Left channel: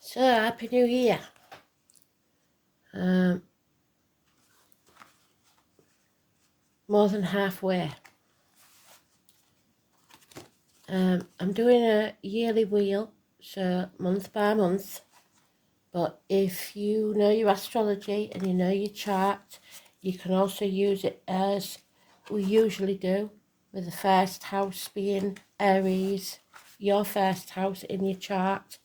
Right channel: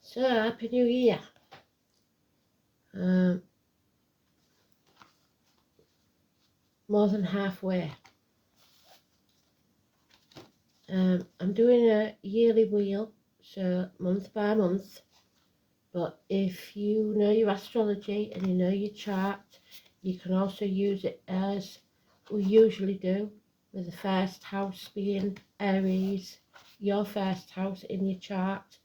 So, Happy New Year. More than halfway. I'm doing a yearly wheel, so month by month. But if you know your astrology and you know your chart, you can also use it as we usually do, with the first house being Aries, your first house in your chart.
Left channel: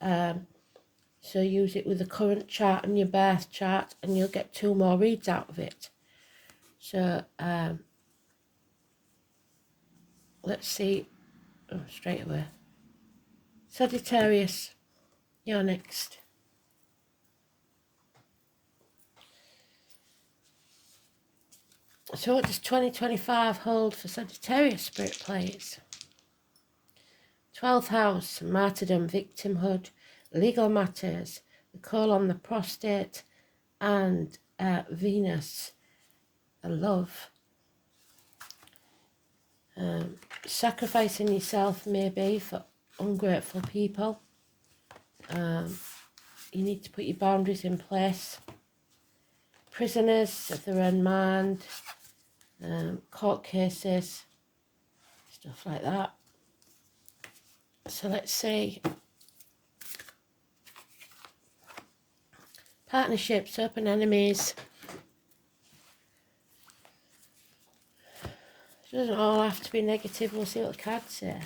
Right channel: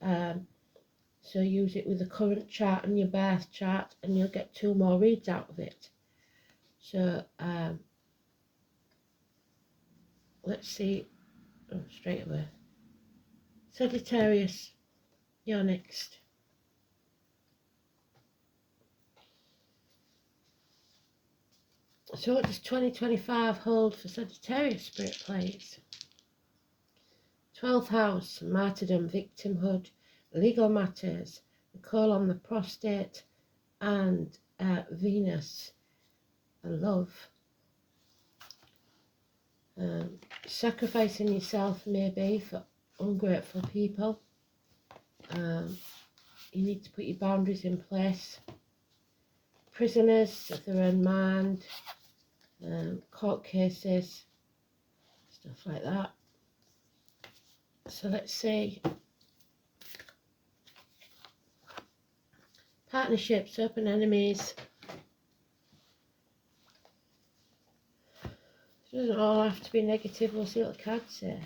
So use it with the current chart and your birth chart, and you'll get 2 more reads out of it. So let's see. Straight away. Sagittarius, you're next. So what does 2025 hold for Sagittarius, Spirit, please? 12th house, martyrdom, victimhood, legal matters, the call on the prostate, and Venus, love. Sacrificing yourself maybe for ungrateful people. You need to put your boundaries in place. Prisoners, if they're unmanned, court cases, stuff like that. So let's see. Partnerships, open enemies. It doesn't all have to be negative. We'll see what the cards say.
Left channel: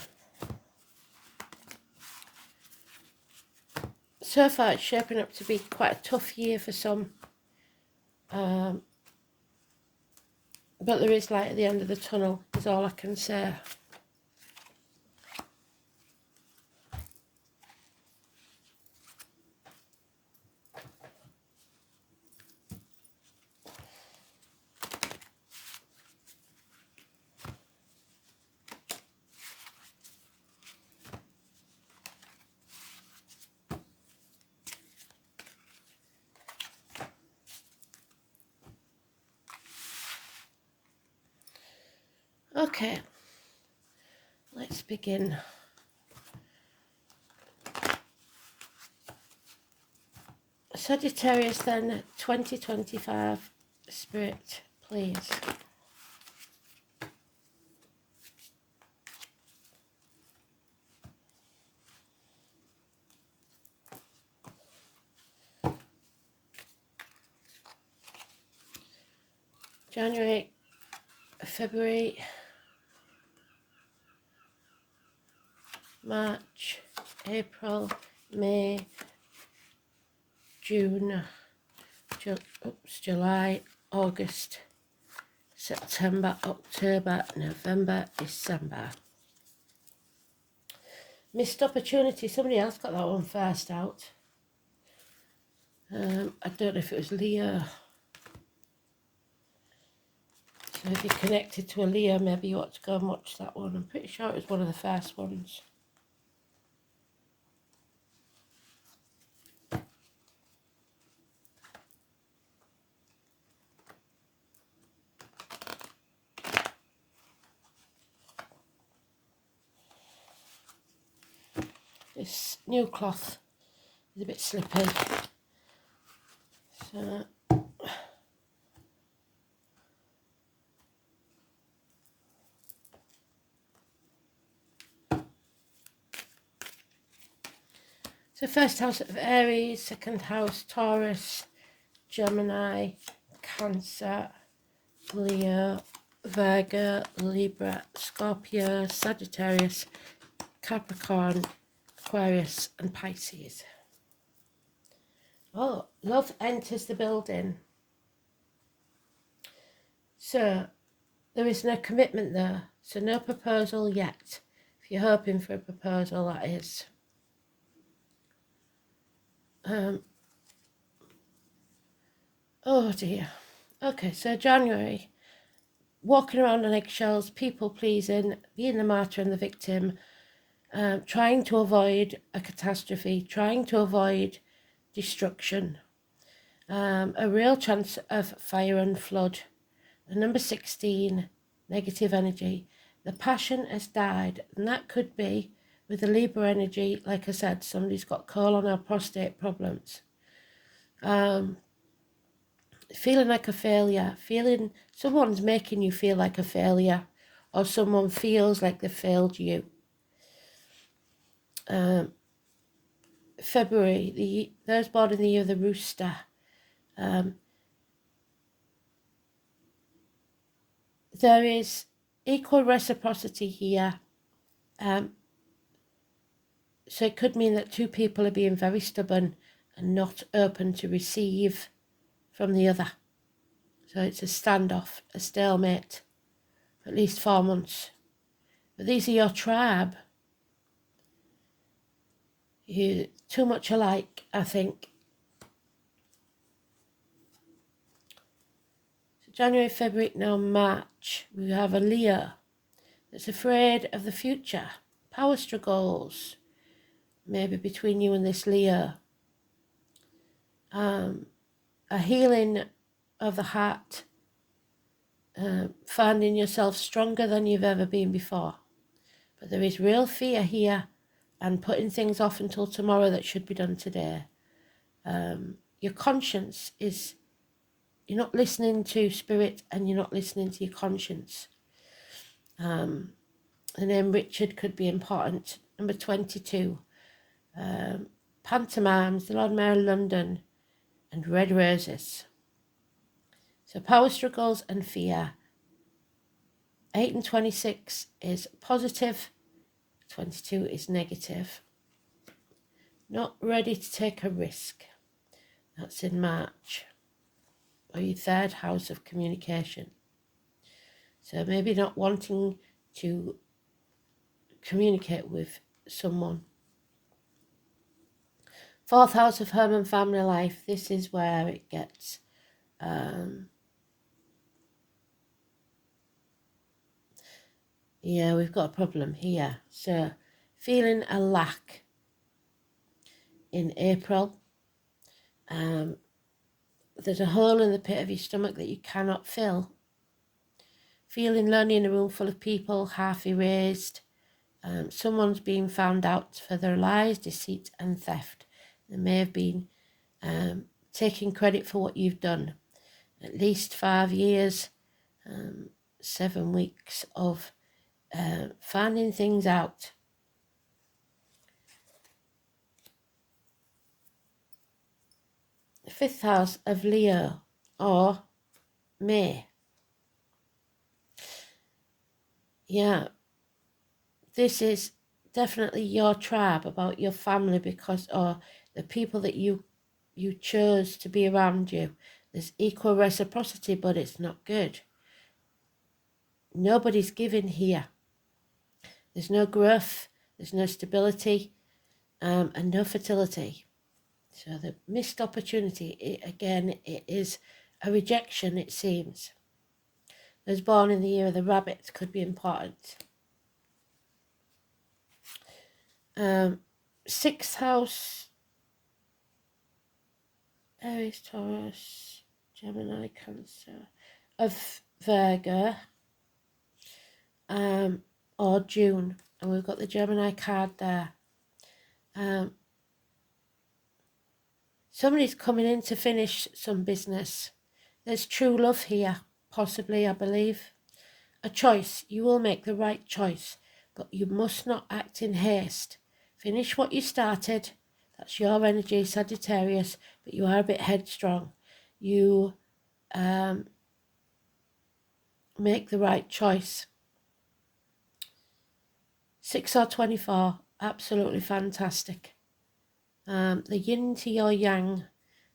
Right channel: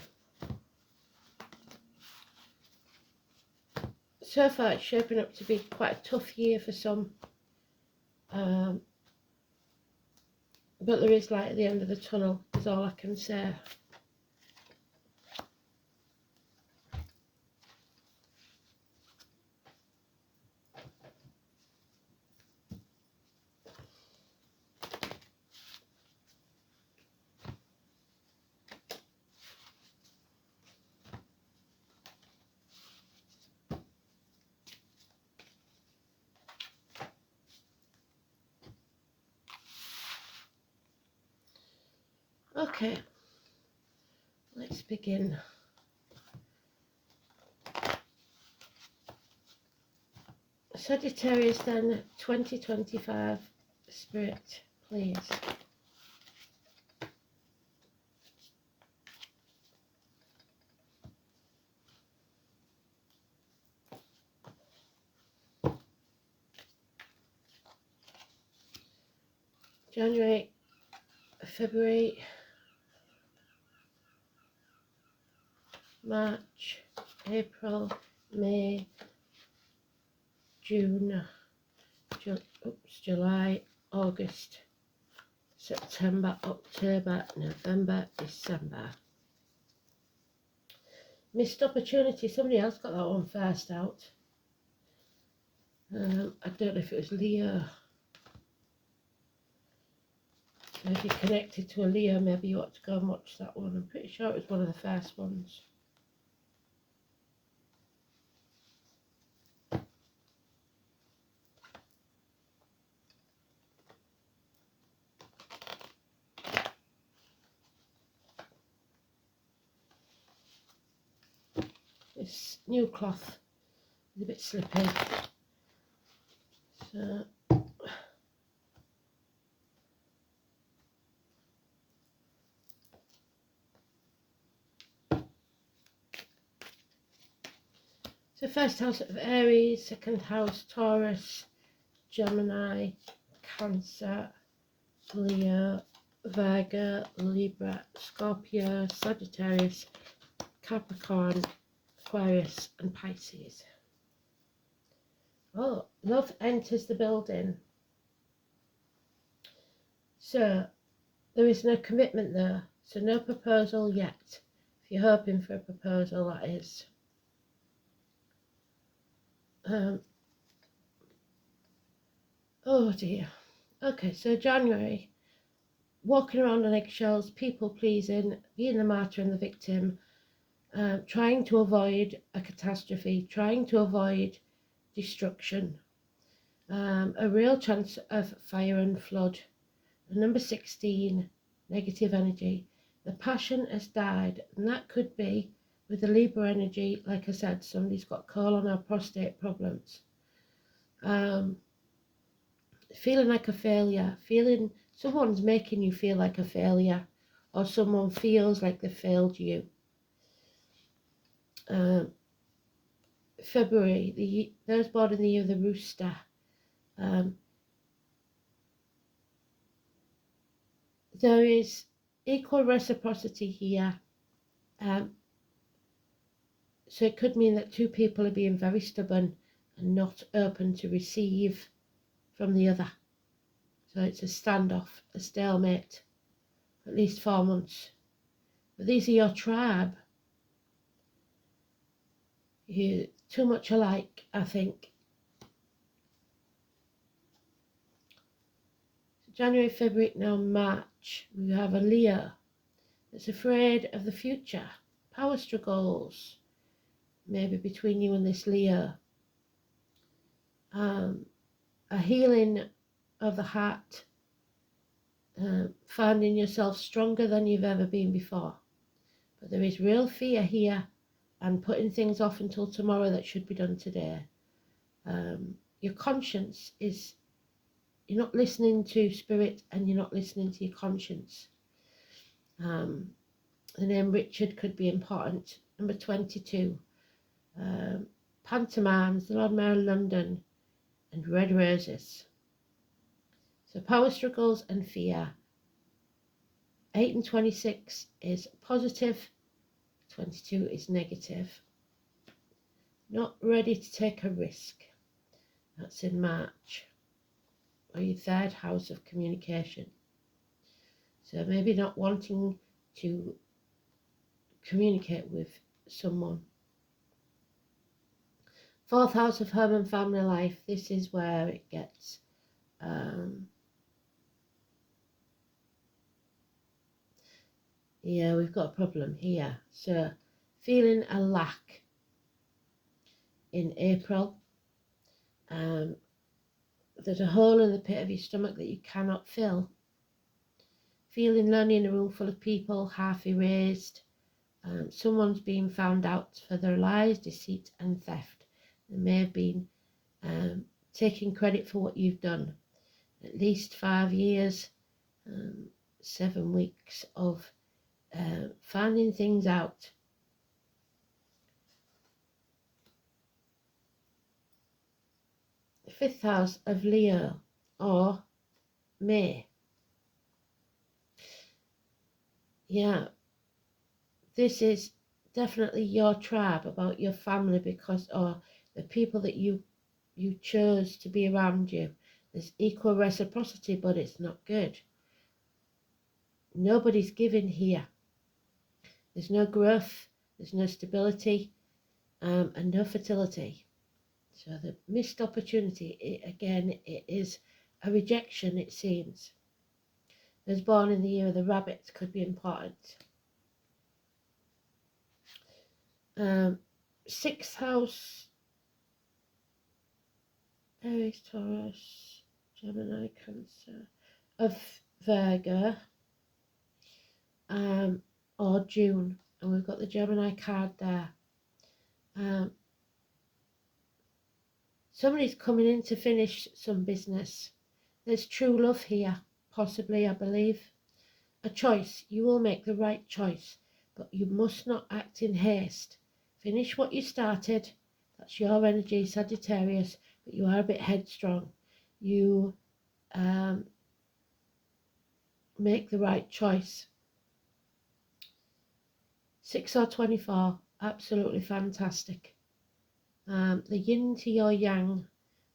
So far it's shaping up to be quite a tough year for some. But there is light at the end of the tunnel, is all I can say. Okay, let's begin. Sagittarius then, 2025, Spirit, please. January, February, March, April, May, June, July, August, September, October, November, December. Missed opportunity. Somebody else got that one first out. I don't know if it was Leo. So if you're connected to a Leo, maybe you ought to go and watch that one. I'm pretty sure it was one of the first ones. This new cloth is a bit slippy. So first house of Aries, second house Taurus, Gemini, Cancer, Leo, Virgo, Libra, Scorpio, Sagittarius, Capricorn, Aquarius and Pisces. Oh, love enters the building. So there is no commitment there. So no proposal yet. If you're hoping for a proposal, that is. Oh dear. Okay, so January. Walking around on eggshells, people pleasing, being the martyr and the victim. Trying to avoid a catastrophe, trying to avoid destruction, a real chance of fire and flood. The number 16, negative energy. The passion has died, and that could be with the Libra energy, like I said, somebody's got colon or prostate problems. Feeling like a failure, feeling someone's making you feel like a failure, or someone feels like they failed you. February, those born in the year of the rooster. There is equal reciprocity here. So it could mean that two people are being very stubborn and not open to receive from the other. So it's a standoff, a stalemate, for at least 4 months. But these are your tribe. You're too much alike, I think. So January, February, now March, we have a Leo that's afraid of the future. Power struggles, maybe between you and this Leo. A healing of the heart, finding yourself stronger than you've ever been before. But there is real fear here and putting things off until tomorrow that should be done today. Your conscience is, you're not listening to spirit and you're not listening to your conscience. The name Richard could be important. Number 22. Pantomimes, the Lord Mayor of London, and red roses. So power struggles and fear. 8 and 26 is positive, 22 is negative. Not ready to take a risk. That's in March. Or your third house of communication. So maybe not wanting to communicate with someone. Fourth house of home and family life. This is where it gets yeah, we've got a problem here. So feeling a lack in April. There's a hole in the pit of your stomach that you cannot fill. Feeling lonely in a room full of people, half erased. Someone's being found out for their lies, deceit and theft. They may have been taking credit for what you've done. At least 5 years, 7 weeks of finding things out. The 5th house of Leo or May. Yeah, this is definitely your tribe, about your family, because, or the people that you chose to be around you. There's equal reciprocity, but it's not good. Nobody's giving here. There's no growth, there's no stability, and no fertility. So the missed opportunity, it is a rejection, it seems. Those born in the year of the rabbit could be important. 6th house, Aries, Taurus, Gemini, Cancer, of Virgo, or June, and we've got the Gemini card there. Somebody's coming in to finish some business. There's true love here, possibly, I believe. A choice. You will make the right choice, but you must not act in haste. Finish what you started. That's your energy, Sagittarius, but you are a bit headstrong. You make the right choice. 6 or 24, absolutely fantastic. The yin to your yang,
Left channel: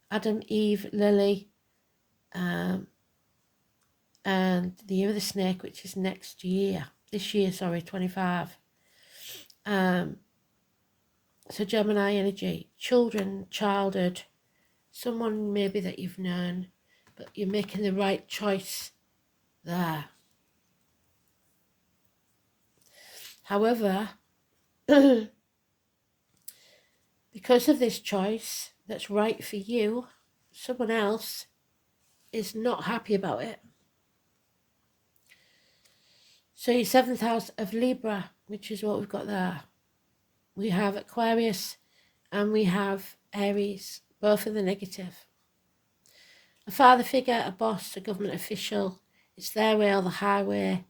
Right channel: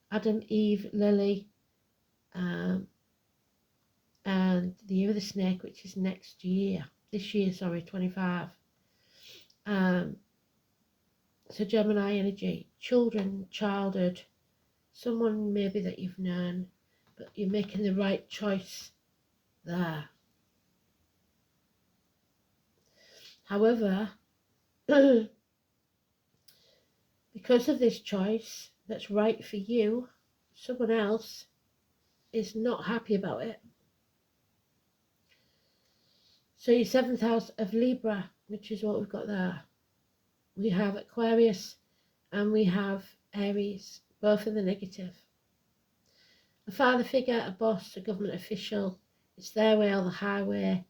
Adam, Eve, Lily, and the year of the snake, which is this year, 25. So Gemini energy, children, childhood, someone maybe that you've known, but you're making the right choice there. However, because of this choice that's right for you, someone else is not happy about it. So your 7th house of Libra, which is what we've got there. we have Aquarius and we have Aries, both of the negative. A father figure, a boss, a government official, it's their way or the highway,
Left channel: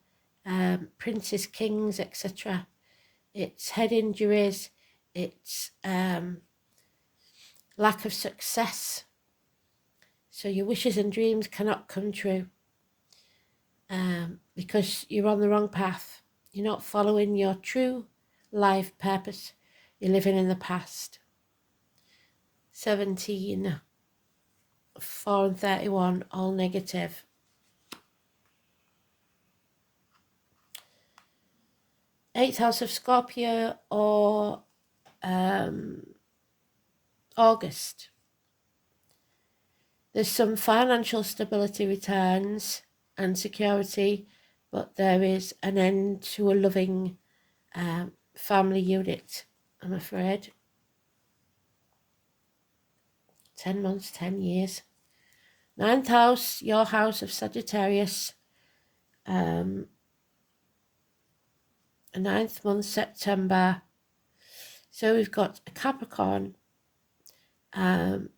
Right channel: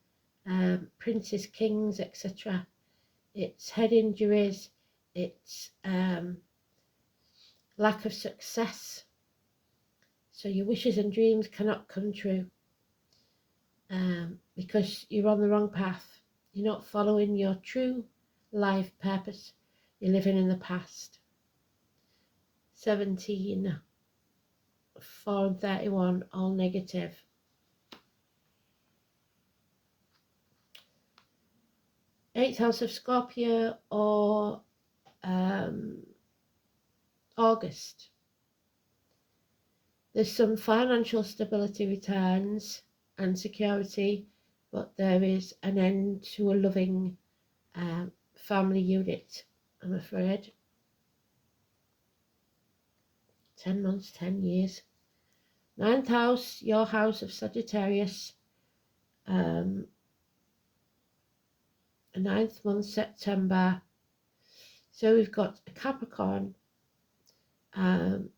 princes, kings, etc. It's head injuries, it's lack of success. So your wishes and dreams cannot come true because you're on the wrong path. You're not following your true life purpose. You're living in the past. 17, 4 and 31, all negative. Eighth house of Scorpio or August. There's some financial stability returns and security, but there is an end to a loving family unit, I'm afraid. 10 months, 10 years. Ninth house, your house of Sagittarius. A 9th month, September. So we've got a Capricorn and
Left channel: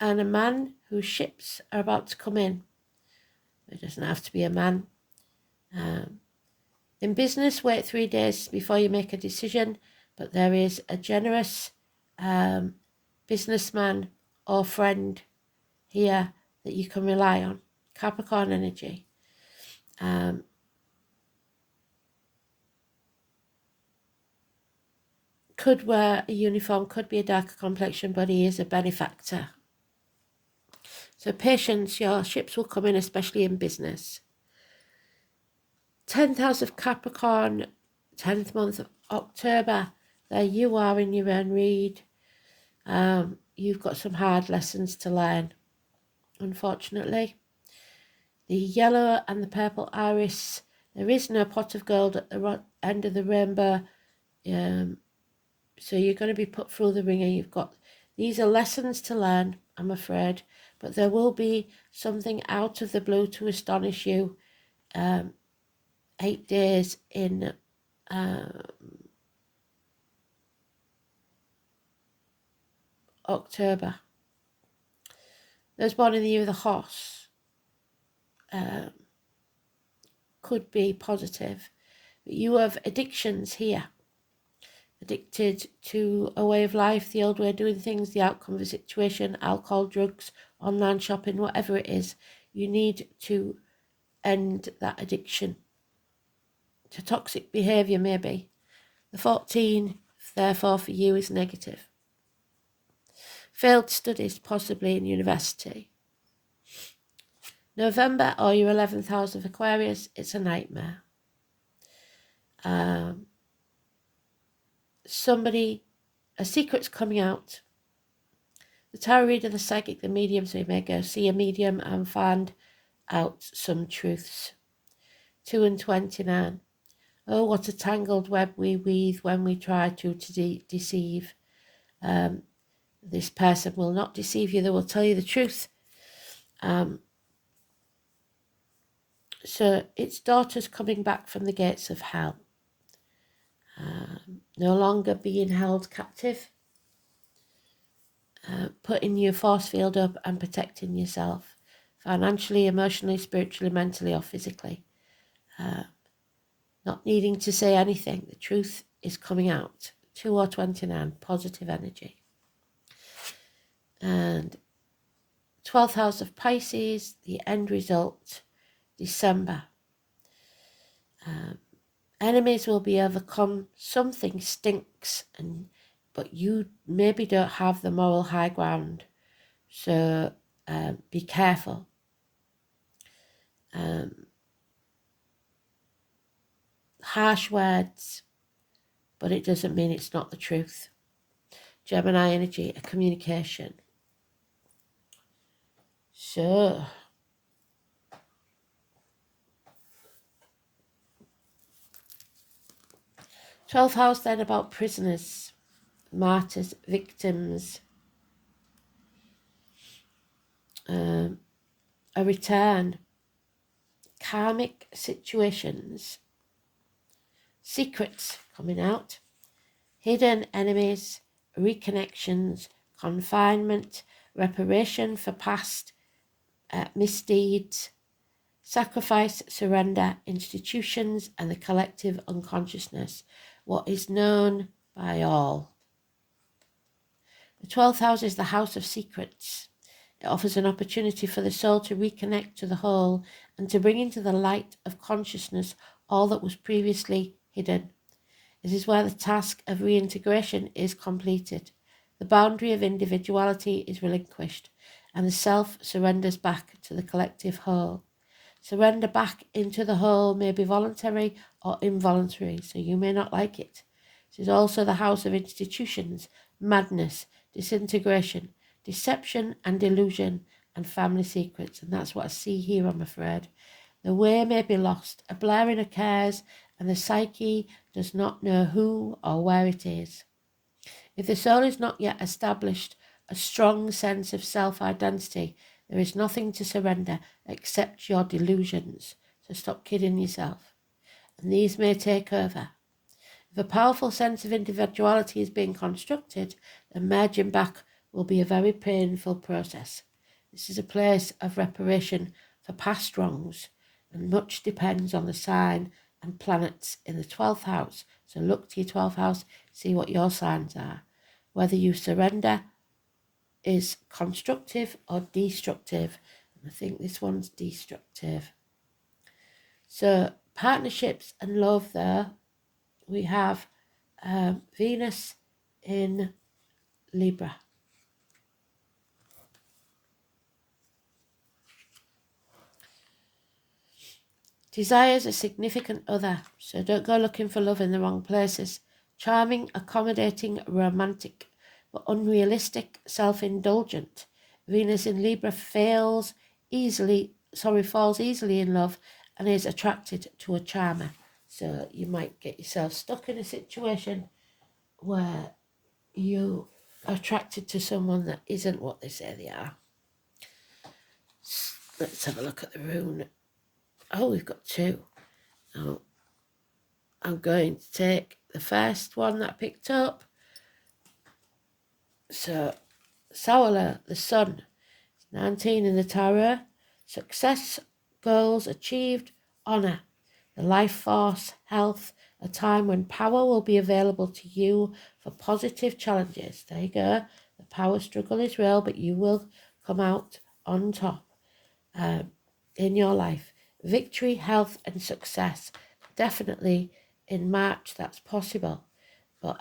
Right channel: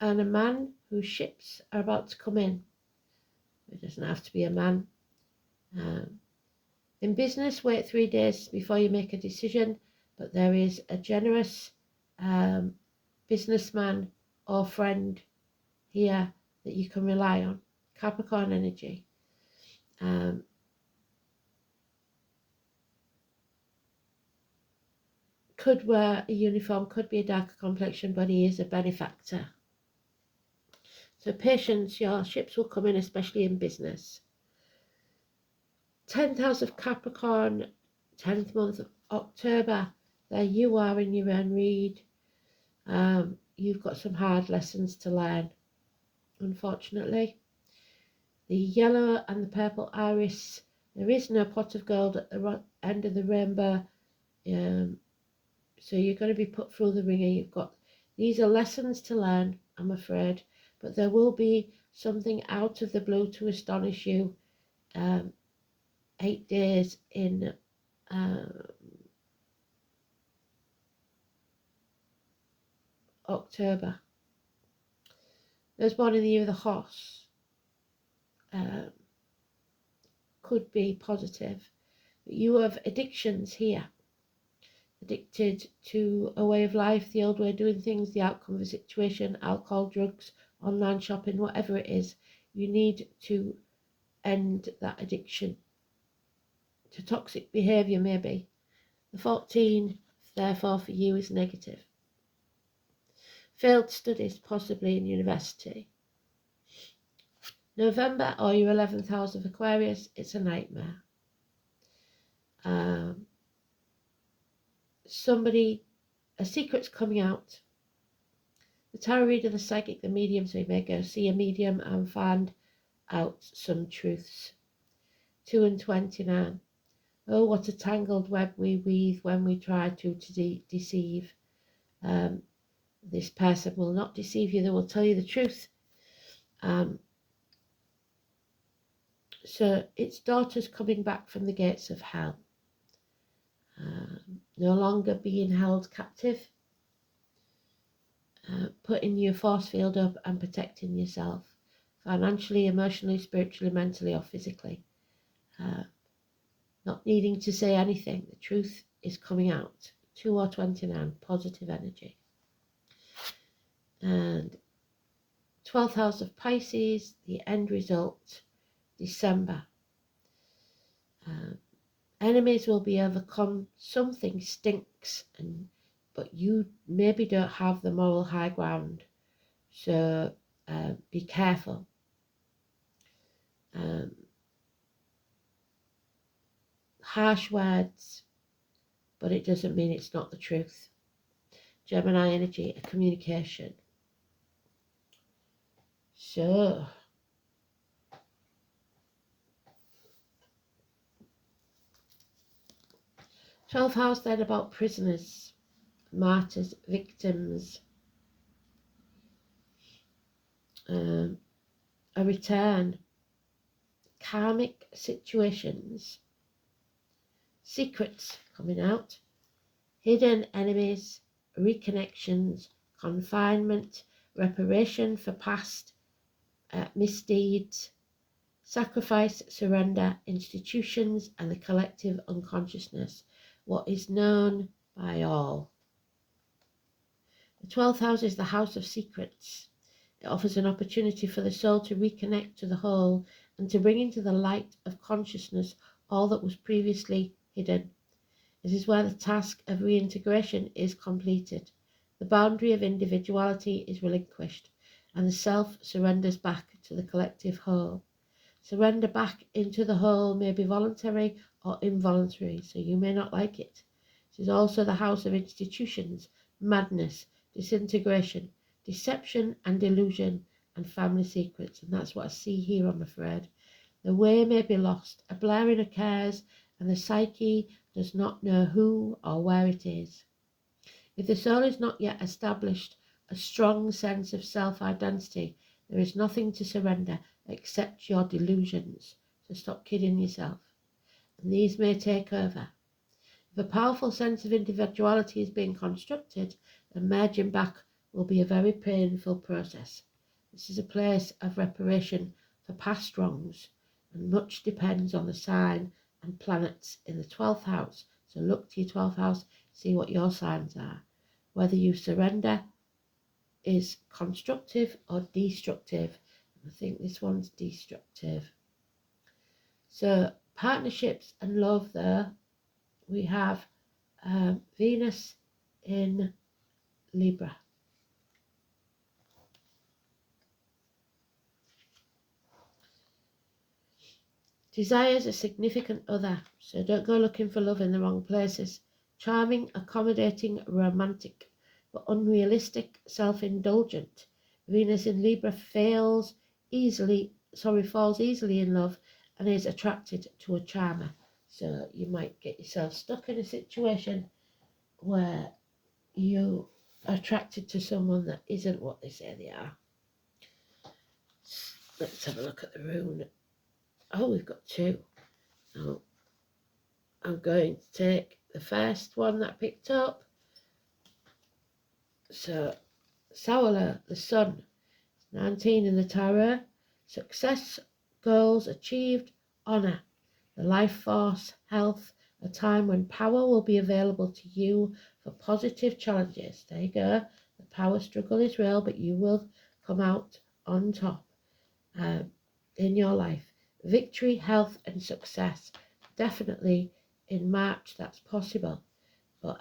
a man whose ships are about to come in. It doesn't have to be a man. In business, wait 3 days before you make a decision, but there is a generous businessman or friend here that you can rely on. Capricorn energy. Could wear a uniform, could be a darker complexion, but he is a benefactor. So patience, your ships will come in, especially in business. 10th house of Capricorn, 10th month of October. There you are in your own read. You've got some hard lessons to learn, unfortunately. The yellow and the purple iris. There is no pot of gold at the end of the rainbow. So you're going to be put through the ringer. These are lessons to learn, I'm afraid, but there will be something out of the blue to astonish you. 8 days in October. Those born in the year of the horse could be positive, but you have addictions here. Addicted to a way of life, the old way of doing things, the outcome of a situation, alcohol, drugs, online shopping, whatever it is. You need to end that addiction to toxic behaviour, maybe. The 14, therefore, for you is negative. Failed studies, possibly in university. November, or your 11th house of Aquarius, it's a nightmare. A secret's coming out. The tarot reader, the psychic, the medium, so you may go see a medium and find out some truths. 2 and 29. Oh, what a tangled web we weave when we try to deceive. This person will not deceive you. They will tell you the truth. So it's daughters coming back from the gates of hell. No longer being held captive. Putting your force field up and protecting yourself. Financially, emotionally, spiritually, mentally, or physically. Not needing to say anything. The truth is coming out. 2 or 29, positive energy. And 12th house of Pisces, the end result, December. Enemies will be overcome. Something stinks, but you maybe don't have the moral high ground. So be careful. Harsh words, but it doesn't mean it's not the truth. Gemini energy, a communication. So, th house then about prisoners, martyrs, victims, a return, karmic situations, secrets coming out, hidden enemies, reconnections, confinement, reparation for past misdeeds, sacrifice, surrender, institutions, and the collective unconsciousness, what is known by all. The 12th house is the house of secrets. It offers an opportunity for the soul to reconnect to the whole and to bring into the light of consciousness all that was previously hidden. It is where the task of reintegration is completed. The boundary of individuality is relinquished, and the self surrenders back to the collective whole. Surrender back into the whole may be voluntary or involuntary, so you may not like it. It is also the house of institutions, madness, disintegration, deception and delusion, and family secrets. And that's what I see here, I'm afraid. The way may be lost, a blaring occurs, and the psyche does not know who or where it is. If the soul is not yet established a strong sense of self-identity, there is nothing to surrender except your delusions. So stop kidding yourself. And these may take over. If a powerful sense of individuality is being constructed, then merging back will be a very painful process. This is a place of reparation for past wrongs, and much depends on the sign and planets in the 12th house. So look to your 12th house, see what your signs are. Whether you surrender is constructive or destructive. And I think this one's destructive. So partnerships and love there. We have Venus in Libra. Desires a significant other, so don't go looking for love in the wrong places. Charming, accommodating, romantic, but unrealistic, self-indulgent. Venus in Libra falls easily in love and is attracted to a charmer. So you might get yourself stuck in a situation where you are attracted to someone that isn't what they say they are. Let's have a look at the rune. Oh, we've got two. So I'm going to take the first one that I picked up. So, Sawala, the sun, 19 in the tarot. Success, goals achieved, honour, the life force, health, a time when power will be available to you for positive challenges. There you go. The power struggle is real, but you will come out on top in your life. Victory, health and success. Definitely in March that's possible. But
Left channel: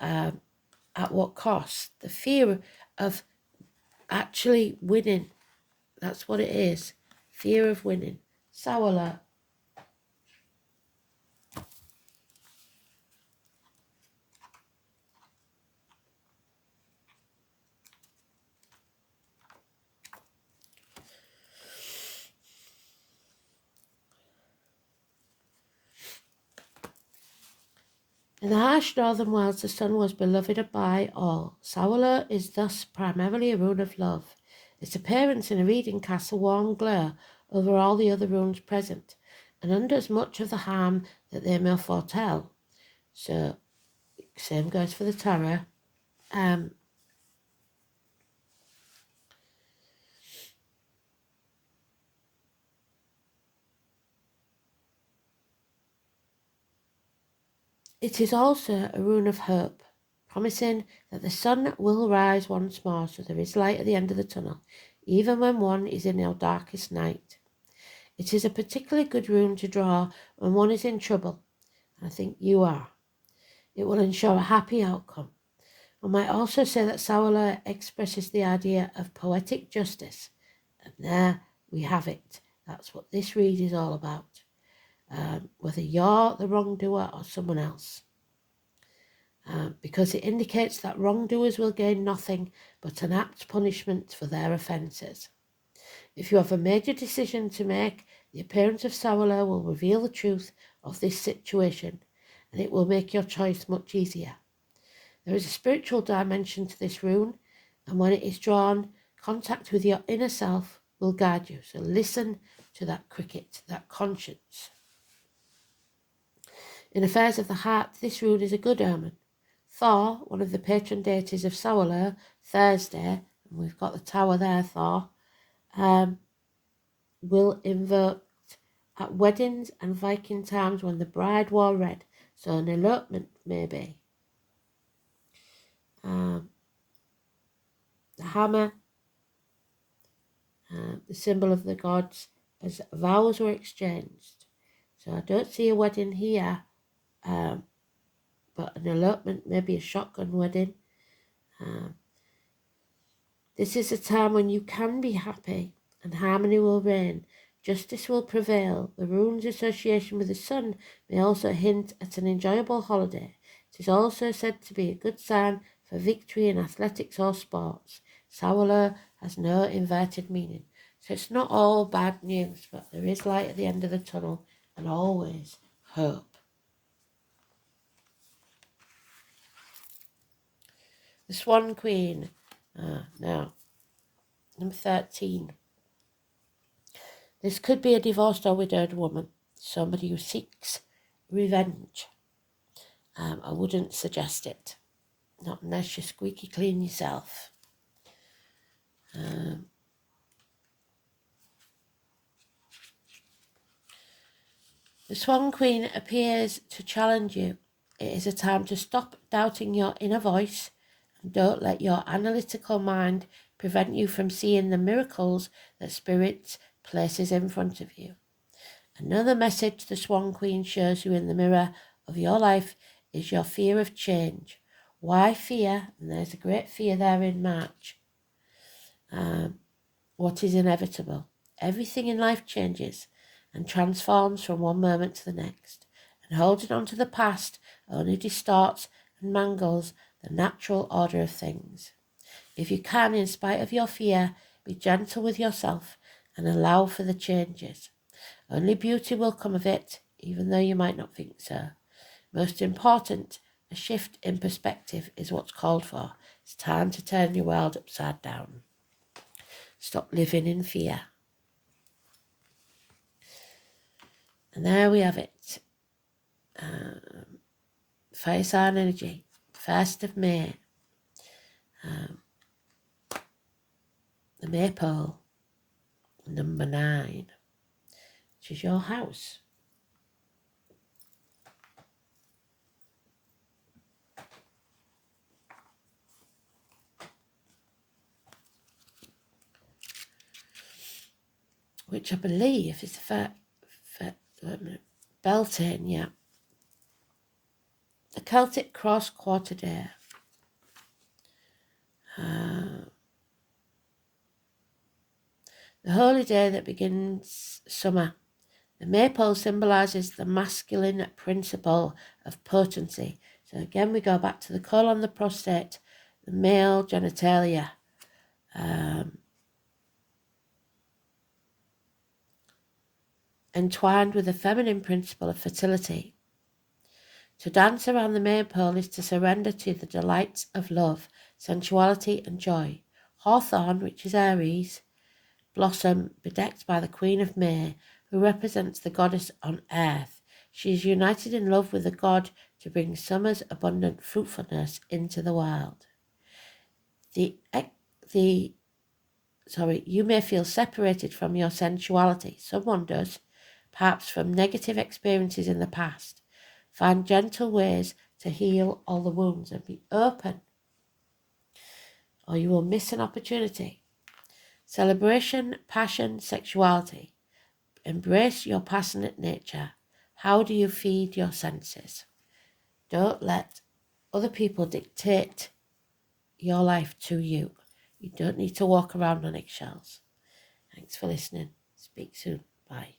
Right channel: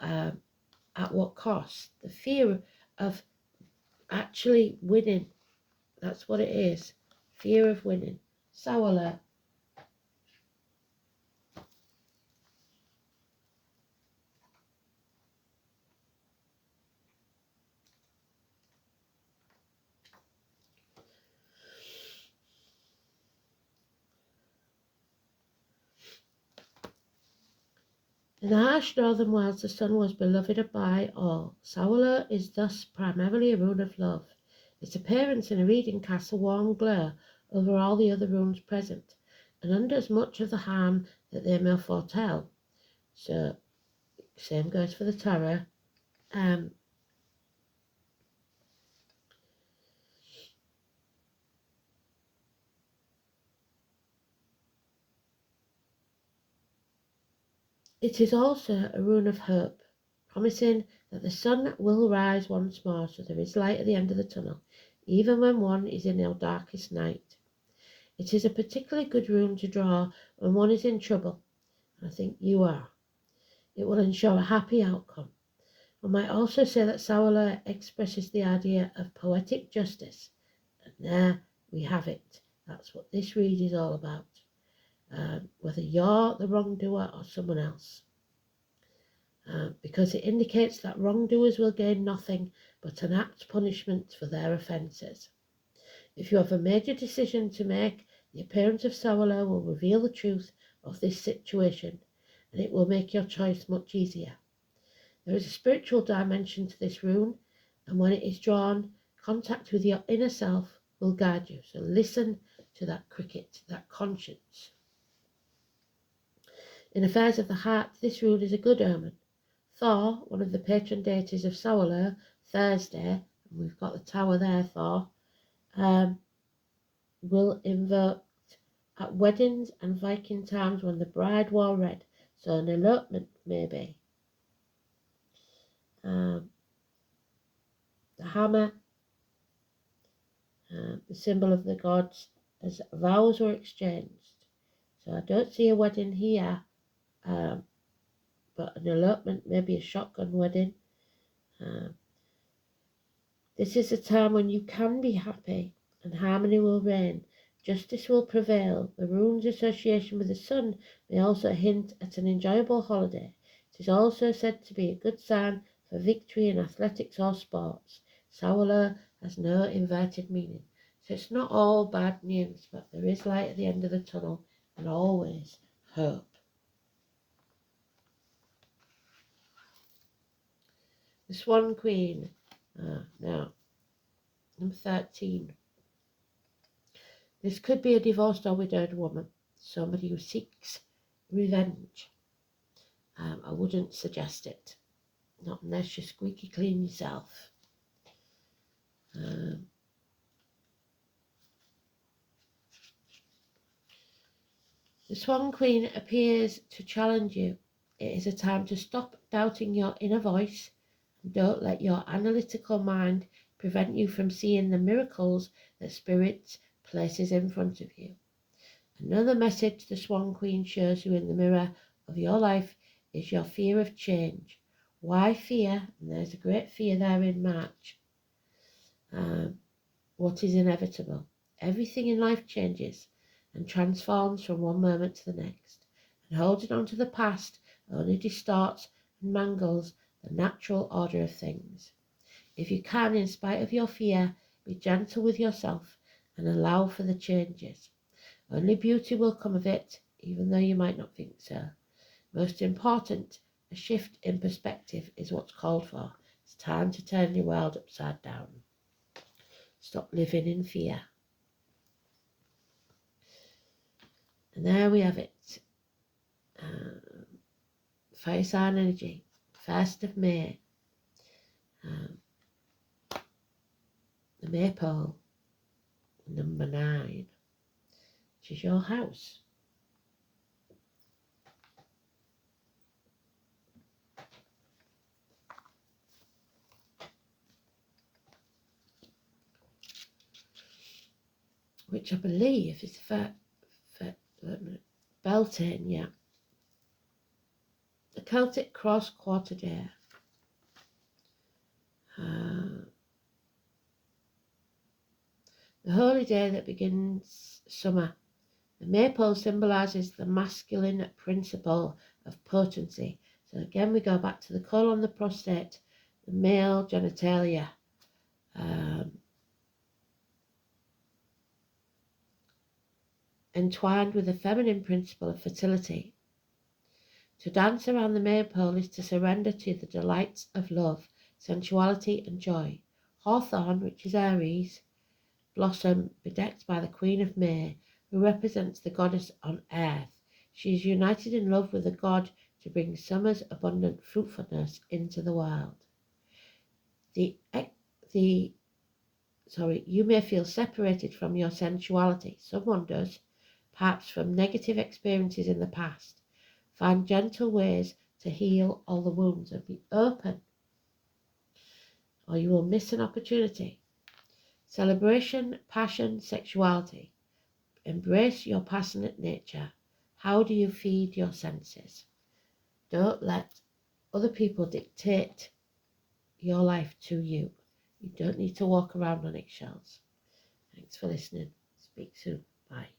at what cost? The fear of actually winning. That's what it is. Fear of winning. Sawala. In the harsh northern wilds, the sun was beloved by all. Sawala is thus primarily a rune of love. Its appearance in a reading casts a warm glare over all the other runes present, and undoes much of the harm that they may foretell. So, same goes for the tarot. It is also a rune of hope, promising that the sun will rise once more, so there is light at the end of the tunnel, even when one is in their darkest night. It is a particularly good rune to draw when one is in trouble. I think you are. It will ensure a happy outcome. One might also say that Sawala expresses the idea of poetic justice. And there we have it. That's what this read is all about. Whether you're the wrongdoer or someone else. Because it indicates that wrongdoers will gain nothing but an apt punishment for their offences. If you have a major decision to make, the appearance of Sawala will reveal the truth of this situation, and it will make your choice much easier. There is a spiritual dimension to this rune, and when it is drawn, contact with your inner self will guide you. So listen to that cricket, that conscience. In affairs of the heart, this rune is a good omen. Thor, one of the patron deities of Saurler, Thursday, and we've got the tower there, Thor, will invoke at weddings and Viking times when the bride wore red. So an elopement, maybe. The hammer, the symbol of the gods, as vows were exchanged. So I don't see a wedding here, but an elopement, maybe a shotgun wedding. This is a time when you can be happy and harmony will reign. Justice will prevail. The rune's association with the sun may also hint at an enjoyable holiday. It is also said to be a good sign for victory in athletics or sports. Saurler has no inverted meaning. So it's not all bad news, but there is light at the end of the tunnel and always hope. The Swan Queen. Now, number 13. This could be a divorced or widowed woman, somebody who seeks revenge. I wouldn't suggest it, not unless you're squeaky clean yourself. The Swan Queen appears to challenge you. It is a time to stop doubting your inner voice and don't let your analytical mind prevent you from seeing the miracles that Spirit places in front of you. Another message the Swan Queen shows you in the mirror of your life is your fear of change. Why fear? And there's a great fear there in March. What is inevitable? Everything in life changes and transforms from one moment to the next. And holding on to the past only distorts and mangles the natural order of things. If you can, in spite of your fear, be gentle with yourself and allow for the changes. Only beauty will come of it, even though you might not think so. Most important, a shift in perspective is what's called for. It's time to turn your world upside down. Stop living in fear. And there we have it. Fire sign energy, 1st of May. The Maypole, number 9, which is your house. Which I believe is the Beltane, yeah. The Celtic Cross Quarter Day. The holy day that begins summer. The maypole symbolises the masculine principle of potency. So again, we go back to the colon, the prostate, the male genitalia. Entwined with the feminine principle of fertility. To dance around the maypole is to surrender to the delights of love, sensuality and joy. Hawthorn, which is Aries, blossom bedecked by the Queen of May, who represents the goddess on earth. She is united in love with the god to bring summer's abundant fruitfulness into the world. You may feel separated from your sensuality. Someone does, perhaps from negative experiences in the past. Find gentle ways to heal all the wounds and be open, or you will miss an opportunity. Celebration, passion, sexuality. Embrace your passionate nature. How do you feed your senses? Don't let other people dictate your life to you. You don't need to walk around on eggshells. Thanks for listening. Speak soon. Bye.